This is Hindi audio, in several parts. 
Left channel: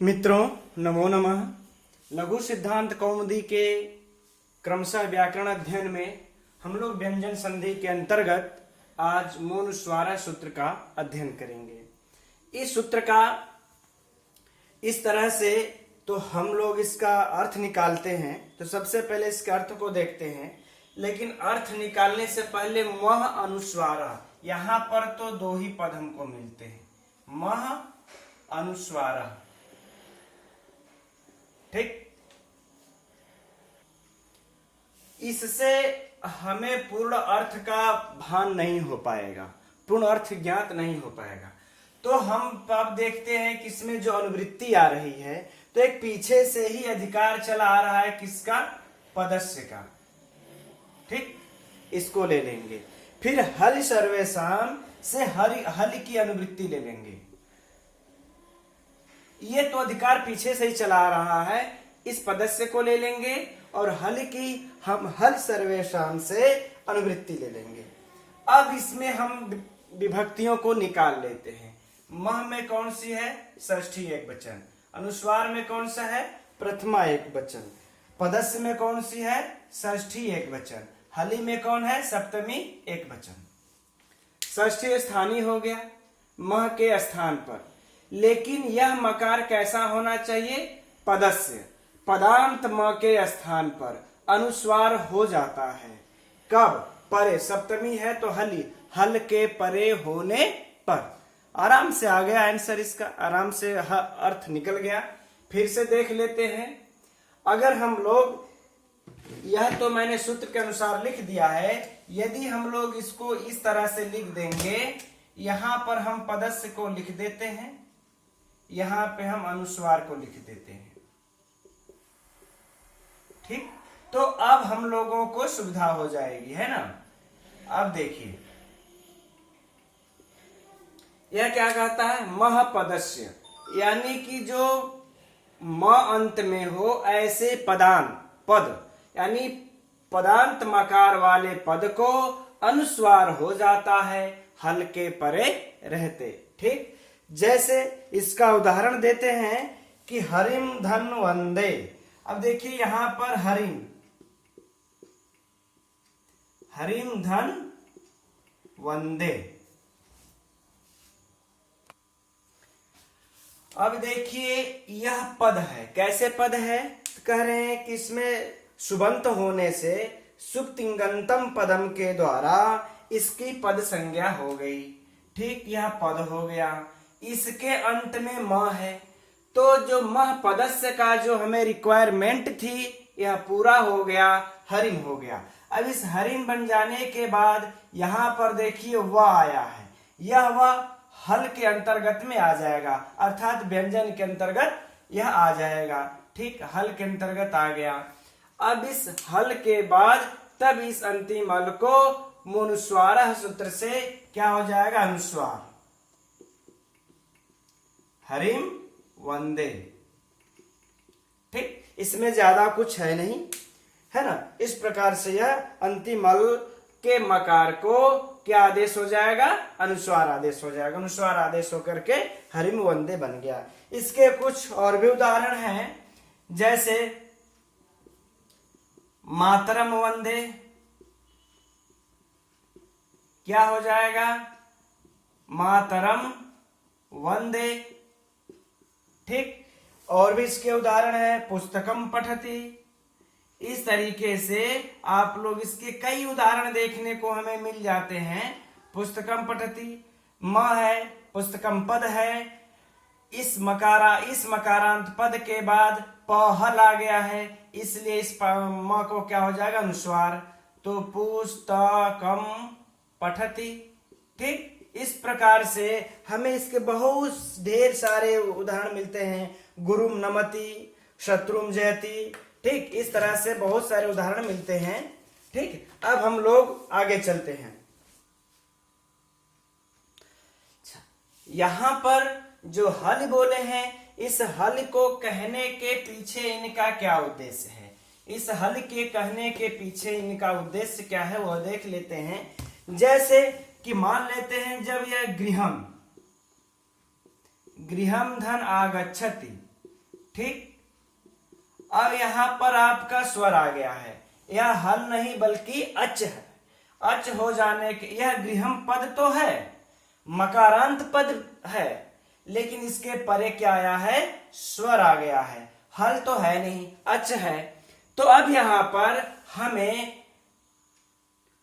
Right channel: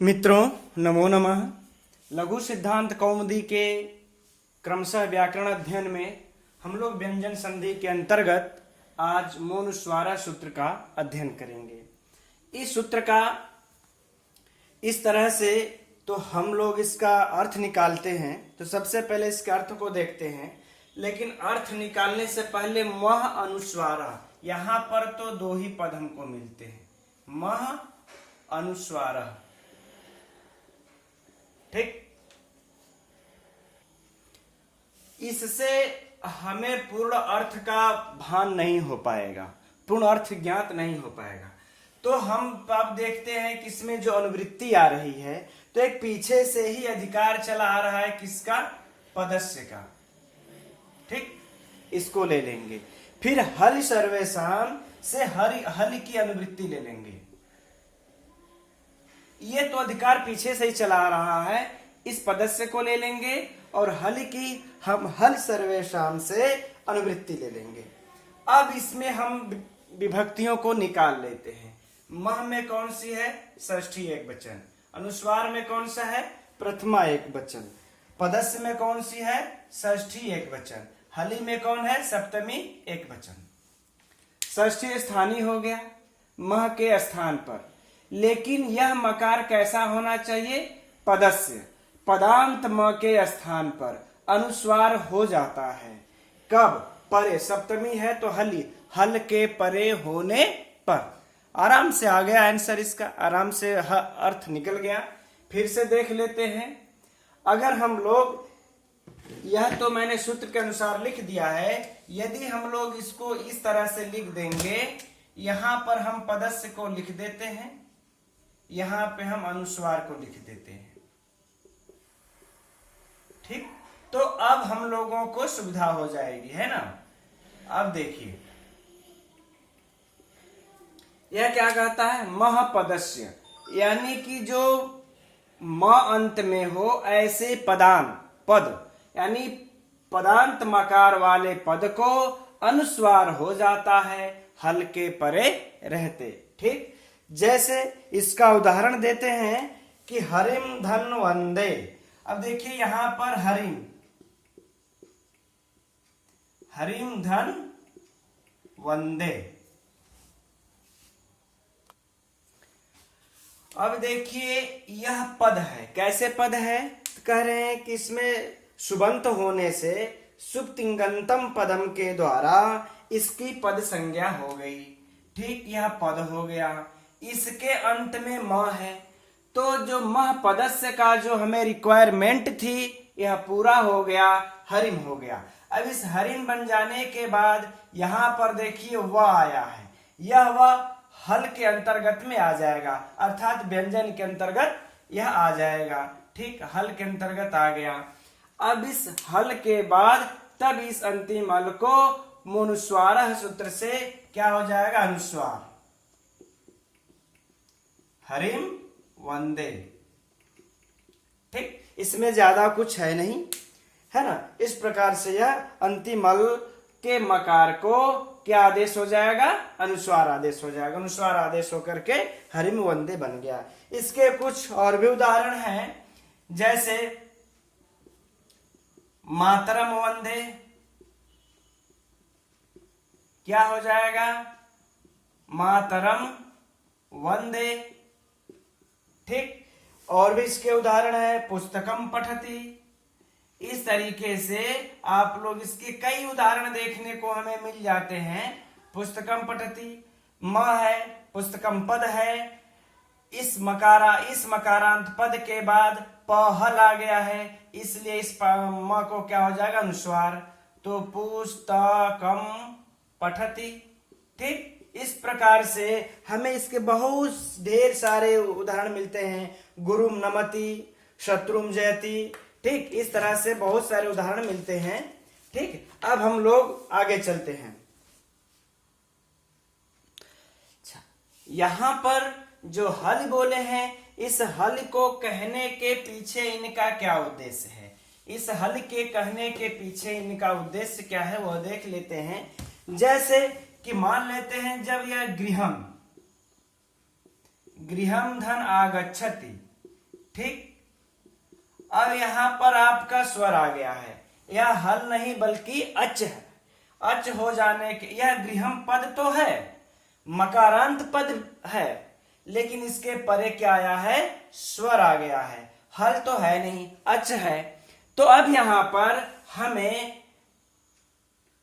मित्रों, नमो नमः। लघु सिद्धांत कौमुदी के क्रमशः व्याकरण अध्ययन में हम लोग व्यंजन संधि के अंतर्गत आज मोनुस्वारा सूत्र का अध्ययन करेंगे। इस सूत्र का इस तरह से तो हम लोग इसका अर्थ निकालते हैं, तो सबसे पहले इसके अर्थ को देखते हैं। लेकिन अर्थ निकालने से पहले मह अनुस्वारा, यहाँ पर तो दो ही पद हमको मिलते हैं, मह अनुस्वारा। ठीक, इससे हमें पूर्ण अर्थ का भान नहीं हो पाएगा, पूर्ण अर्थ ज्ञात नहीं हो पाएगा। तो हम अब देखते हैं कि इसमें जो अनुवृत्ति आ रही है, तो एक पीछे से ही अधिकार चला आ रहा है, किसका? पदस्य का। ठीक, इसको ले लेंगे। फिर हल सर्वेशान से हल की अनुवृत्ति ले लेंगे। ये तो अधिकार पीछे से ही चला आ रहा है, इस पदस्य को ले लेंगे और हल की हम हल सर्वेशान से अनुवृत्ति ले लेंगे। अब इसमें हम विभक्तियों को निकाल लेते हैं। मह में कौन सी है? षष्ठी एकवचन। अनुस्वार में कौन सा है? प्रथमा एकवचन। पदस्य में कौन सी है? षष्ठी एकवचन। हली में कौन है? सप्तमी एकवचन। षष्ठी स्थानीय हो गया मह के स्थान पर, लेकिन यह मकार कैसा होना चाहिए? पदस्य। पदांत म के स्थान पर अनुस्वार हो जाता है। कब? परे। सप्तमी है तो हली, हल के परे होने पर। आराम से आ गया आंसर इसका, आराम से अर्थ निकल गया। फिर से देख लेते हैं। अगर हम लोग, यह तो मैंने सूत्र के अनुसार लिख दिया है, यदि हम लोग इसको इस तरह से लिख देंगे, यहां पर हम पदस्य को लिख देते हैं, यहां पे हम अनुस्वार को लिख देते हैं। ठीक, तो अब हम लोगों को सुविधा हो जाएगी, है ना। अब देखिए यह क्या कहता है? मह पदस्य, यानी कि जो म अंत में हो ऐसे पदांत पद, यानी पदांत मकार वाले पद को अनुस्वार हो जाता है हल के परे रहते। ठीक, जैसे इसका उदाहरण देते हैं कि हरिम धन वंदे। अब देखिए यहां पर हरिम, हरिम धन वंदे। अब देखिए यह पद है, कैसे पद है? कह रहे हैं कि इसमें सुबंत होने से सुप्तिंगंतम पदम के द्वारा इसकी पद संज्ञा हो गई। ठीक, यह पद हो गया। इसके अंत में म है, तो जो मह पदस्य का जो हमें रिक्वायरमेंट थी, यह पूरा हो गया, हरिम हो गया। अब इस हरिम बन जाने के बाद यहां पर देखिए वह आया है, यह वह हल के अंतर्गत में आ जाएगा, अर्थात व्यंजन के अंतर्गत यह आ जाएगा। ठीक, हल के अंतर्गत आ गया। अब इस हल के बाद तब इस अंतिम हल को मोनुस्वार सूत्र से क्या हो जाएगा? अनुस्वार। हरिम वंदे। ठीक, इसमें ज्यादा कुछ है नहीं, है ना। इस प्रकार से यह अंतिम हल के मकार को क्या आदेश हो जाएगा? अनुस्वार आदेश हो जाएगा। अनुस्वार आदेश होकर के हरिम वंदे बन गया। इसके कुछ और भी उदाहरण हैं, जैसे मातरम वंदे। क्या हो जाएगा? मातरम वंदे। ठीक, और भी इसके उदाहरण है, पुस्तकम पठति। इस तरीके से आप लोग इसके कई उदाहरण देखने को हमें मिल जाते हैं। पुस्तकम पठति, म है, पुस्तकम पद है, इस मकारांत पद के बाद प हल आ गया है, इसलिए इस म को क्या हो जाएगा? अनुस्वार। तो पुस्तकम पठति। ठीक, इस प्रकार से हमें इसके बहुत ढेर सारे उदाहरण मिलते हैं। गुरुम नमति, शत्रुम जयति। ठीक, इस तरह से बहुत सारे उदाहरण मिलते हैं। ठीक, अब हम लोग आगे चलते हैं। यहां पर जो हल बोले हैं, इस हल को कहने के पीछे इनका क्या उद्देश्य है? इस हल के कहने के पीछे इनका उद्देश्य क्या है, वो देख लेते हैं। जैसे कि मान लेते हैं जब यह गृहम, गृहम धन आगच्छति, ठीक। अब यहां पर आपका स्वर आ गया है, यह हल नहीं बल्कि अच है। अच हो जाने के, यह गृहम पद तो है, मकारांत पद है, लेकिन इसके परे क्या आया है, स्वर आ गया है। हल तो है नहीं, अच है। तो अब यहां पर हमें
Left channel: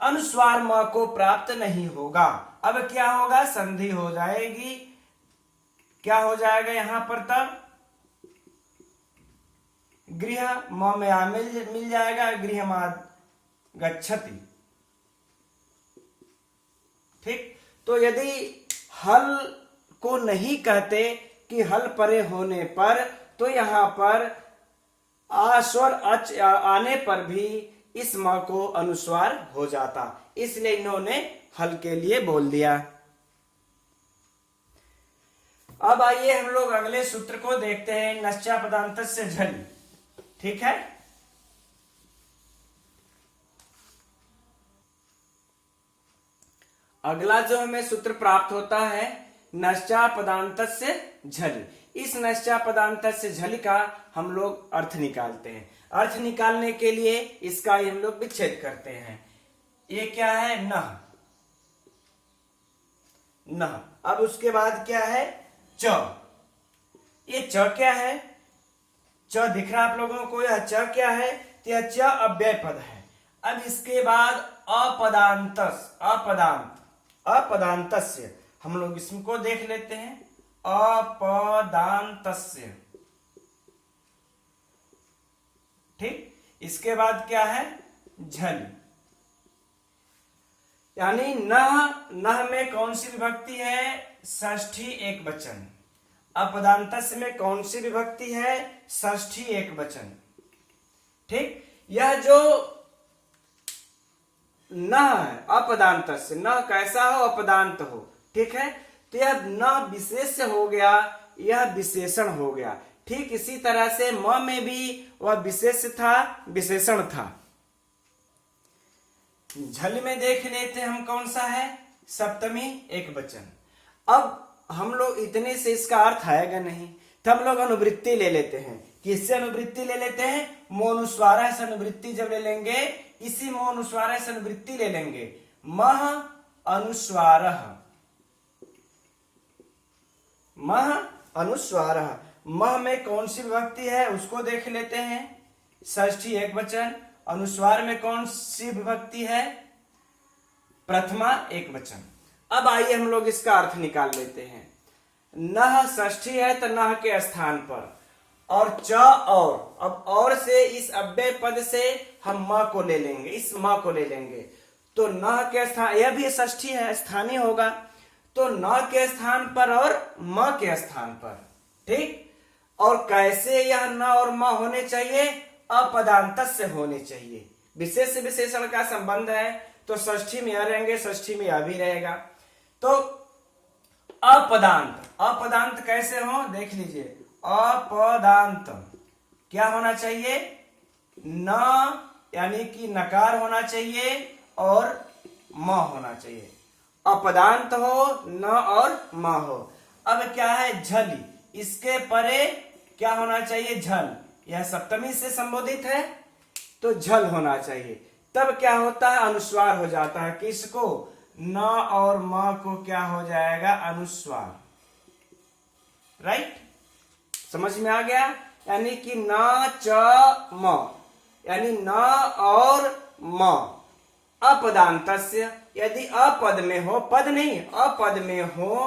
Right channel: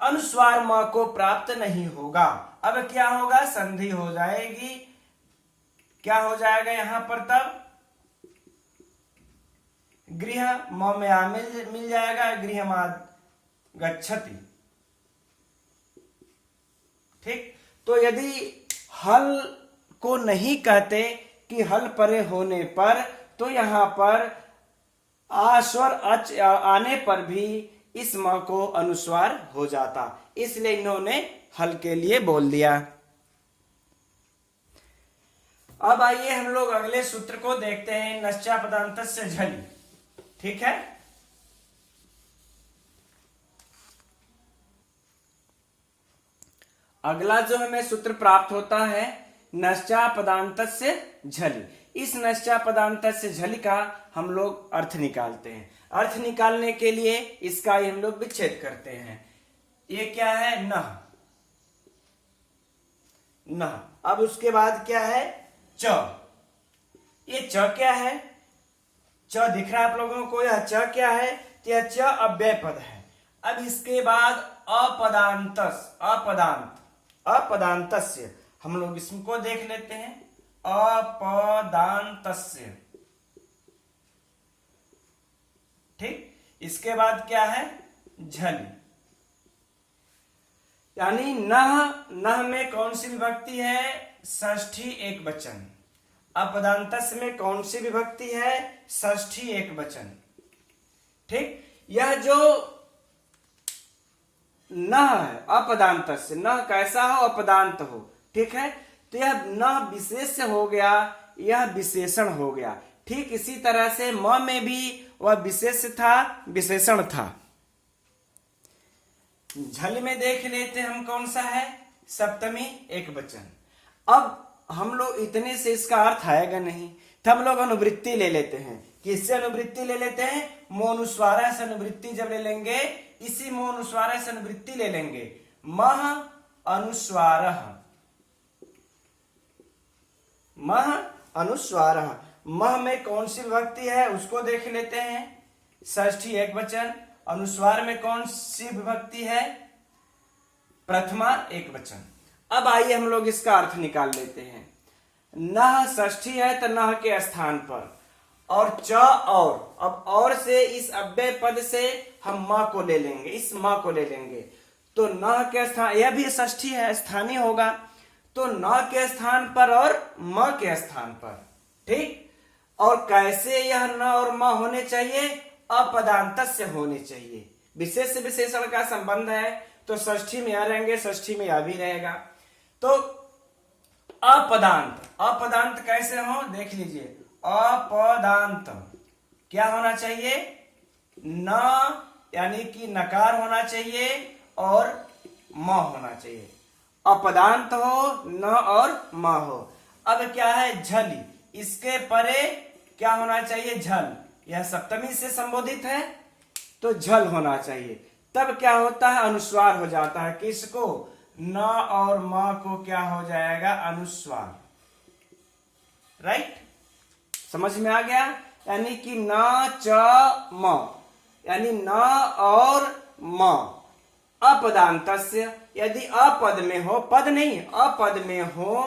अनुस्वार म को प्राप्त नहीं होगा। अब क्या होगा, संधि हो जाएगी। क्या हो जाएगा यहां पर, तब गृह म में आ मिल जाएगा, गृहमाद गच्छति। ठीक। तो यदि हल को नहीं कहते कि हल परे होने पर, तो यहां पर आ स्वर अच आने पर भी इस म को अनुस्वार हो जाता, इसलिए इन्होंने हल के लिए बोल दिया। अब आइए हम लोग अगले सूत्र को देखते हैं, नश्चा पदांतस्य झलि। ठीक है। अगला जो हमें सूत्र प्राप्त होता है, नश्चा पदांतस्य झलि। इस नश्चा पदांतस्य झलि का हम लोग अर्थ निकालते हैं। अर्थ निकालने के लिए इसका हम लोग विच्छेद करते हैं। ये क्या है, नह। नह। अब उसके बाद क्या है, च। ये च क्या है, च दिख रहा है आप लोगों को, यह च क्या है, तो यह च अव्यय पद है। अब इसके बाद अपदांतस, अपदांतस्य, हम लोग इसको देख लेते हैं, अपदांतस्य। ठीक। इसके बाद क्या है, झलि। यानी नह में कौन सी विभक्ति है, षष्ठी एक वचन। अपदांतस्य में कौन सी विभक्ति है, षष्ठी एक वचन। ठीक। यह जो न है अपदांतस्य, न कैसा हो, अपदांत हो। ठीक है। तो यह न विशेष हो गया, यह विशेषण हो गया। ठीक इसी तरह से म में भी वह विशेष था, विशेषण था। झल में देख लेते हम कौन सा है, सप्तमी एक वचन। अब हम लोग इतने से इसका अर्थ आएगा नहीं, तो हम लोग अनुवृत्ति ले लेते हैं। किससे अनुवृत्ति ले लेते हैं, मोनुस्वार से अनुवृत्ति जब ले लेंगे, इसी मोनुस्वार से अनुवृत्ति ले लेंगे। मह अनुस्वार, मह अनुस्वार। मह में कौन सी विभक्ति है उसको देख लेते हैं, षष्ठी एक वचन। अनुस्वार में कौन सी विभक्ति है, प्रथमा एक वचन। अब आइए हम लोग इसका अर्थ निकाल लेते हैं। नह षष्ठी है तो नह के स्थान पर, और च और, अब और से इस अव्यय पद से हम म को ले लेंगे, इस म को ले लेंगे, तो न के स्थान, यह भी षष्ठी है, स्थानीय होगा, तो न के स्थान पर और म के स्थान पर। ठीक। और कैसे यह न और म होने चाहिए, अपदांतस्य होने चाहिए। विशेष विशेषण का संबंध है, तो षष्ठी में यह रहेंगे, षष्ठी में यह भी रहेगा। तो अपदांत, अपदांत कैसे हो देख लीजिए। अपदांत क्या होना चाहिए, न यानी कि नकार होना चाहिए और म होना चाहिए। अपदांत हो, न और म हो। अब क्या है, झलि, इसके परे क्या होना चाहिए, झल। यह सप्तमी से संबोधित है तो झल होना चाहिए। तब क्या होता है, अनुस्वार हो जाता है। किसको, न और म को क्या हो जाएगा, अनुस्वार। राइट, समझ में आ गया। यानी कि न च म, यानी न और म। अपदांतस्य, यदि अपद में हो, पद नहीं अपद में हो,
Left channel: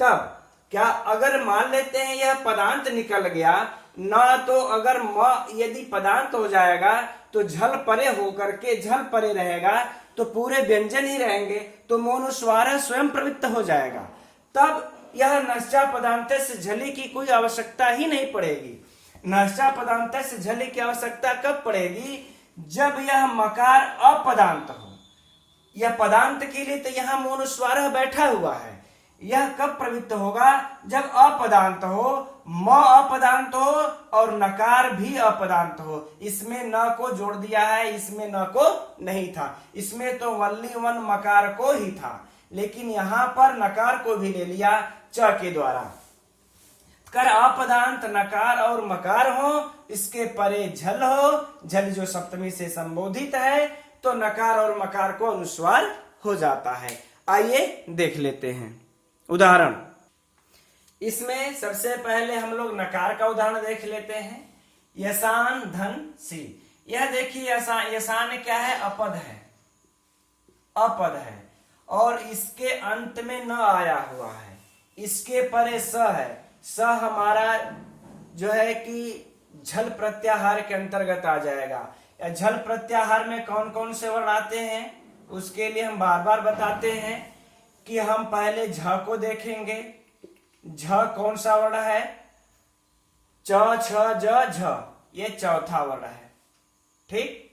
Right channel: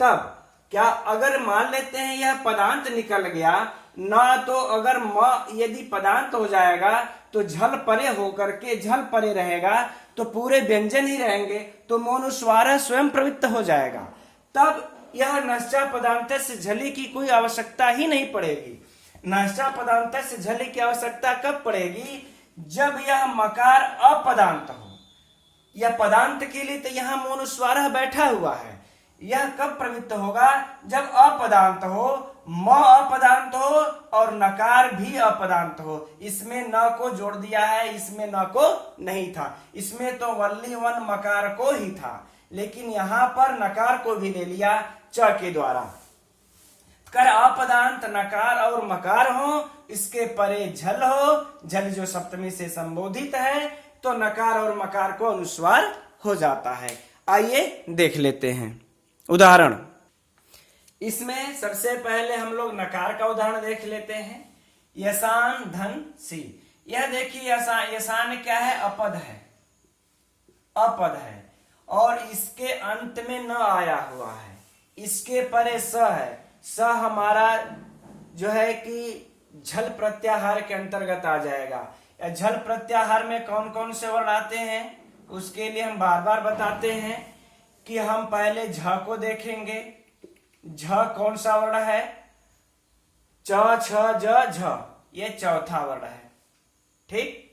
तब क्या, अगर मान लेते हैं यह पदांत निकल गया, ना तो अगर म यदि पदांत हो जाएगा तो झल परे होकर के, झल परे रहेगा तो पूरे व्यंजन ही रहेंगे, तो मोनुस्वार स्वयं प्रवृत्त हो जाएगा। तब यह नश्चा पदांत से झली की कोई आवश्यकता ही नहीं पड़ेगी। नश्चा पदांत से झली की आवश्यकता कब पड़ेगी, जब यह मकार अपदांत हो। यह पदांत के लिए तो यहाँ मोनुस्वार बैठा हुआ है। यह कब प्रवृत्त होगा, जब अपदांत हो, म अपदांत हो और नकार भी अपदांत हो। इसमें न को जोड़ दिया है, इसमें न को नहीं था। इसमें तो वल्ली वन मकार को ही था, लेकिन यहाँ पर नकार को भी ले लिया च के द्वारा। कर अपदांत नकार और मकार हो, इसके परे झल हो, झल जो सप्तमी से संबोधित है, तो नकार और मकार को अनुस्वार हो जाता है। आइए देख लेते हैं उदाहरण। इसमें सबसे पहले हम लोग नकार का उदाहरण देख लेते हैं। यसान धन सी, यह देखिए यसान क्या है? अपद है, अपद है और इसके अंत में न आया हुआ है, इसके परे स है। स हमारा जो है कि झल प्रत्याहार के अंतर्गत आ जाएगा। या झल प्रत्याहार में कौन कौन से वर्ण आते हैं उसके लिए हम बार बार बताते हैं कि हम पहले झ को देखेंगे। झ कौन सा वर्ण है? च छ ज झ, ये चौथा वर्ण है। ठीक,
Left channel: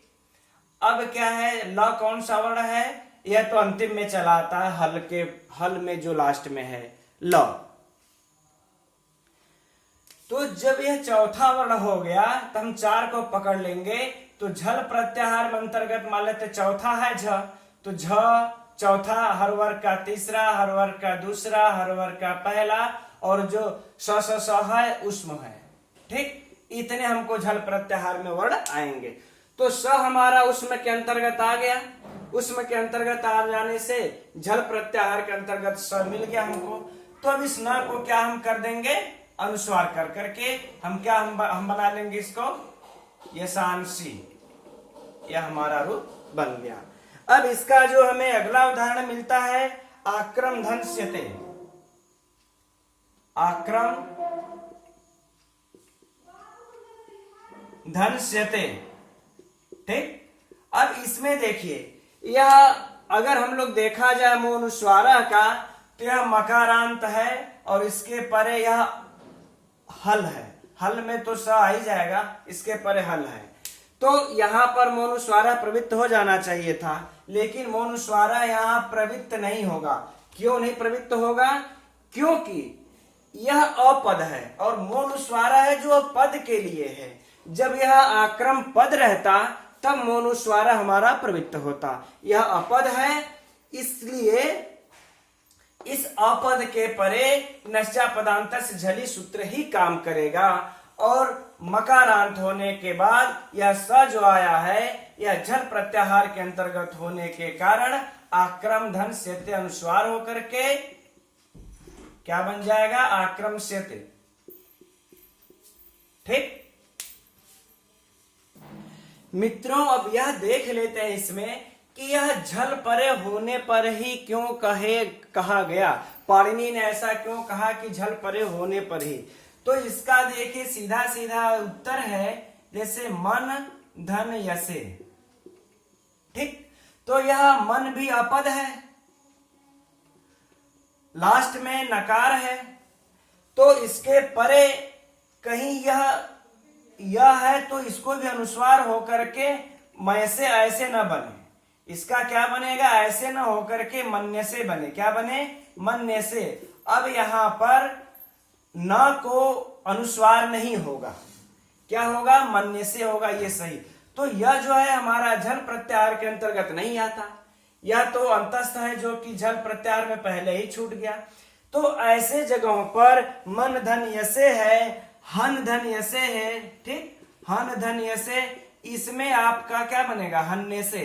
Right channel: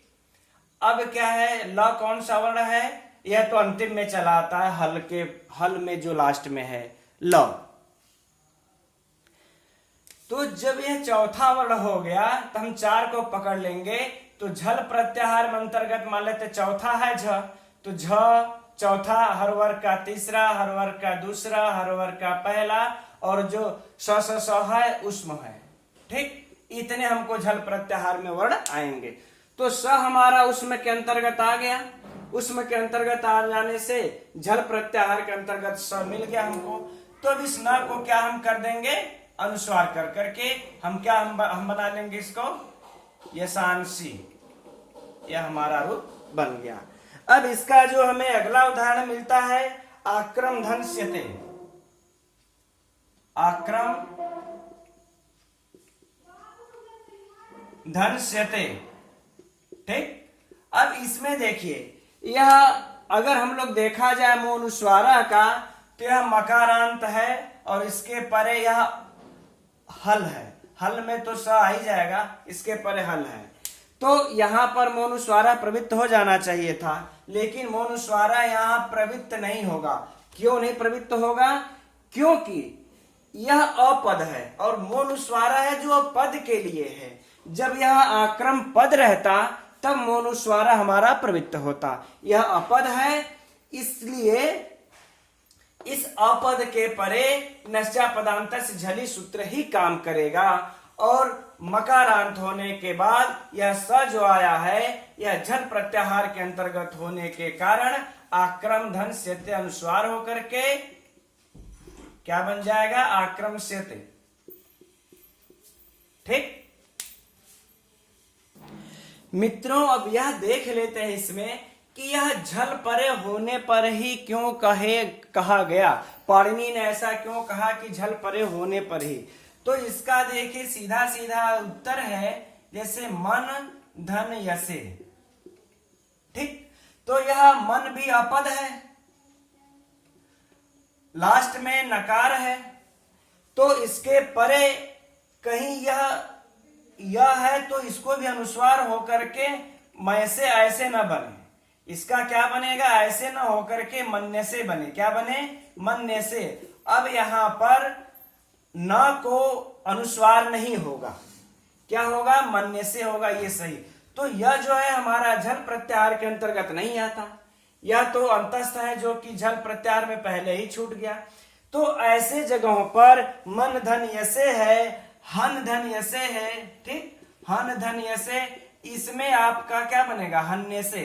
अब क्या है? ल कौन सा वर्ण है? यह तो अंतिम में चला आता है, हल के हल में जो लास्ट में है ल। तो जब यह चौथा वर्ण हो गया तो हम 4 को पकड़ लेंगे। तो झल प्रत्याहार में अंतर्गत मान लेते चौथा है झ, तो झ चौथा, हर वर्ग का तीसरा, हर वर्ग का दूसरा, हर वर्ग का पहला, और जो स है उष्म है। ठीक, इतने हमको झल प्रत्याहार में वर्ण आएंगे। तो स हमारा उष्म के अंतर्गत आ गया। उष्म के अंतर्गत आ जाने से झल प्रत्याहार के अंतर्गत स मिल गया हमको। तो अब इस न को क्या हम कर देंगे? अनुस्वार कर करके हम बना लेंगे इसको यशांसी। यह हमारा रूप बन गया। अब इसका जो हमें अगला उदाहरण मिलता है आक्रम धन्स्यते। आक्रम धन्स्यते। ठीक, अब इसमें देखिए, यह अगर हम लोग देखा जाए मोनुस्वारा का तो यह मकारांत है और इसके परे यह हल है। हल में तो स आ ही जाएगा, इसके परे हल है। तो यहाँ पर मोनुस्वारा प्रवृत्त हो जाना चाहिए था, लेकिन मोनुस्वारा यहाँ प्रवृत्त नहीं होगा। क्यों नहीं प्रवृत्त होगा? क्योंकि यह अपद है और मोनुस्वारा है जो पद के लिए है। जब यह आक्रम पद रहता तब मोनुस्वारा हमारा प्रवृत्त होता। यह अपद है, इसलिए इस अपद के परे नश्चा पदांत से झली सूत्र ही काम करेगा। और मकारांत होने के बाद यह स जो आया है यह झल प्रत्याहार के अंतर्गत होने के कारण आक्रम धन सेते अनुस्वार होकर के क्या बन जाएगा? आक्रम सेते। ठीक मित्रों, अब यह देख लेते हैं इसमें कि यह झल परे होने पर ही क्यों कहा गया। पाणिनि ने ऐसा क्यों कहा कि झल परे होने पर ही? तो इसका देखिए सीधा सीधा उत्तर है, जैसे मन धन यसे। ठीक, तो यह मन भी अपद है, लास्ट में नकार है, तो इसके परे कहीं यह है तो इसको भी अनुस्वार होकर के मैं से ऐसे न बने। इसका क्या बनेगा? ऐसे न होकर के मन्ने से बने। क्या बने? मन्ने से। अब यहां पर न को अनुस्वार नहीं होगा, क्या होगा? मन्ने से होगा। ये सही। तो यह जो है हमारा झल प्रत्याहार के अंतर्गत नहीं आता। यह तो अंतस्थ है जो कि झल प्रत्याहार में पहले ही छूट गया। तो ऐसे जगहों पर मन धन यसे है, हन धन यसे है। ठीक, हन धन यसे, इसमें आपका क्या बनेगा? हन्ने से।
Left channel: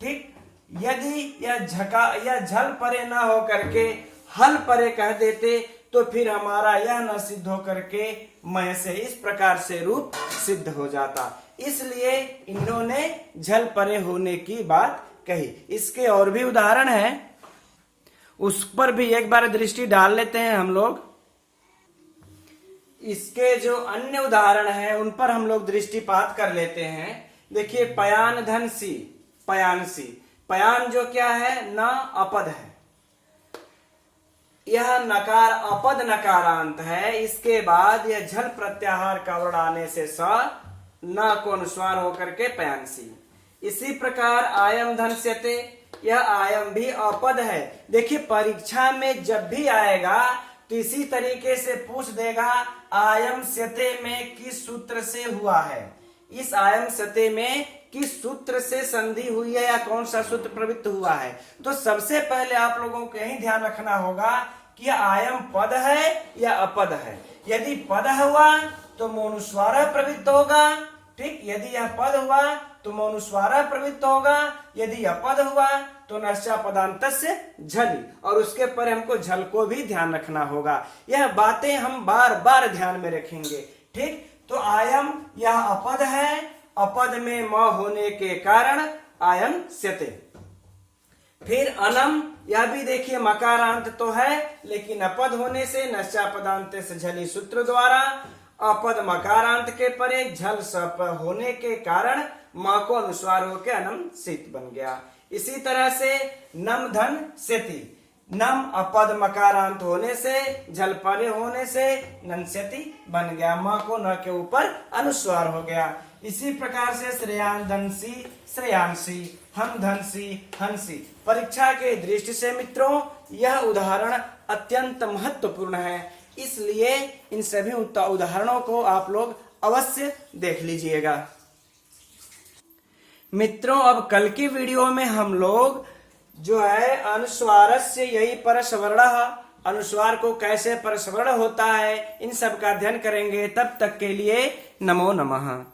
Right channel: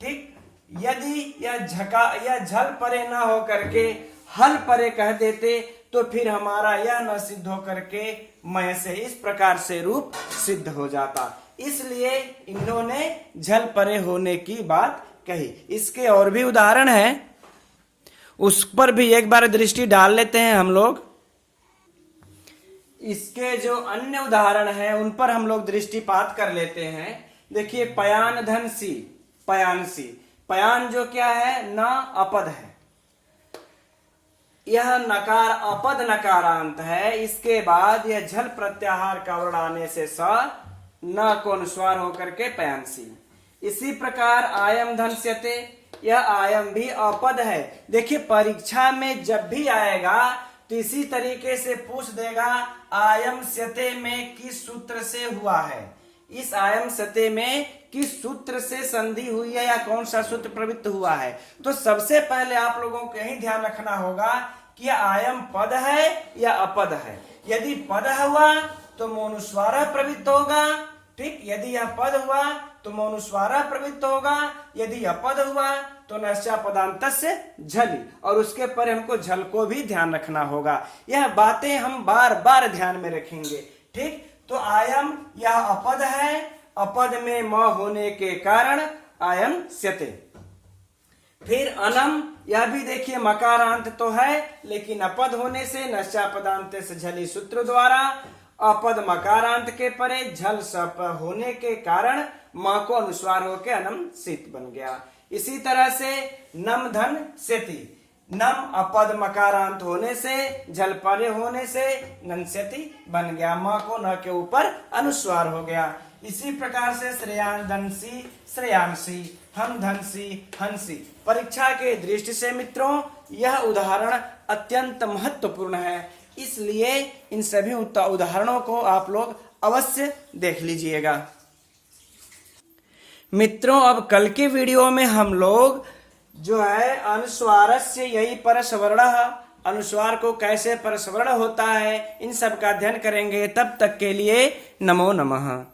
ठीक, यदि यह झल परे ना हो करके हल परे कह देते तो फिर हमारा यह न सिद्ध हो करके मैं से इस प्रकार से रूप सिद्ध हो जाता। इसलिए इन्होंने झल परे होने की बात कही। इसके और भी उदाहरण है, उस पर भी एक बार दृष्टि डाल लेते हैं हम लोग। इसके जो अन्य उदाहरण हैं उन पर हम लोग दृष्टिपात कर लेते हैं। देखिए पयान धन सी, पयानसी। पयान जो क्या है? न अपद है, यह नकार अपद नकारांत है। इसके बाद यह झल प्रत्याहार का वर्ण आने से स न को अनुस्वार होकर के पयानसी। इसी प्रकार आयम धन्स्यते, यह आयम भी अपद है। देखिए परीक्षा में जब भी आएगा तो इसी तरीके से पूछ देगा आयम स्यते में किस सूत्र से हुआ है। इस आयम सते में किस सूत्र से संधि हुई है या कौन सा सूत्र प्रवृत्त हुआ है। तो सबसे पहले आप लोगों को यही ध्यान रखना होगा कि आयम पद है या अपद है। यदि पद हुआ तो मौनुस्वार प्रवृत्त होगा, ठीक। यदि यह पद हुआ तो मौनुस्वार प्रवृत्त होगा, यदि अपद हुआ तो नश्चा पदांत से झलि, और उसके पर हमको झल को भी ध्यान रखना होगा। यह बातें हम बार बार ध्यान में रखेंगे, ठीक। तो आयम यह अपद है, अपद में म होने के कारण आयम स्यते। फिर अनम, यह भी देखिए मकारांत तो है लेकिन अपद होने से नश्चा पदांत से झली सूत्र द्वारा अपद मकारांत के परे झल सप होने के कारण म को अनुस्वार होकर अनम सित बन गया। इसी तरह से नम धन सेति, नम अपद मकारांत होने से झल परे होने से नंस्यति बन गया, म को न के ऊपर अनुस्वार हो गया। इसी प्रकार से श्रेयान धनसी श्रेयांसी, हम धनसी हंसी। परीक्षा के दृष्टि से मित्रों यह उदाहरण अत्यंत महत्वपूर्ण है, इसलिए इन सभी उदाहरणों को आप लोग अवश्य देख लीजिएगा। मित्रों अब कल के वीडियो में हम लोग जो है अनुस्वारस्य यही परस्वर्ण, अनुस्वार को कैसे परस्वर्ण होता है, इन सब का अध्ययन करेंगे। तब तक के लिए नमो नमः।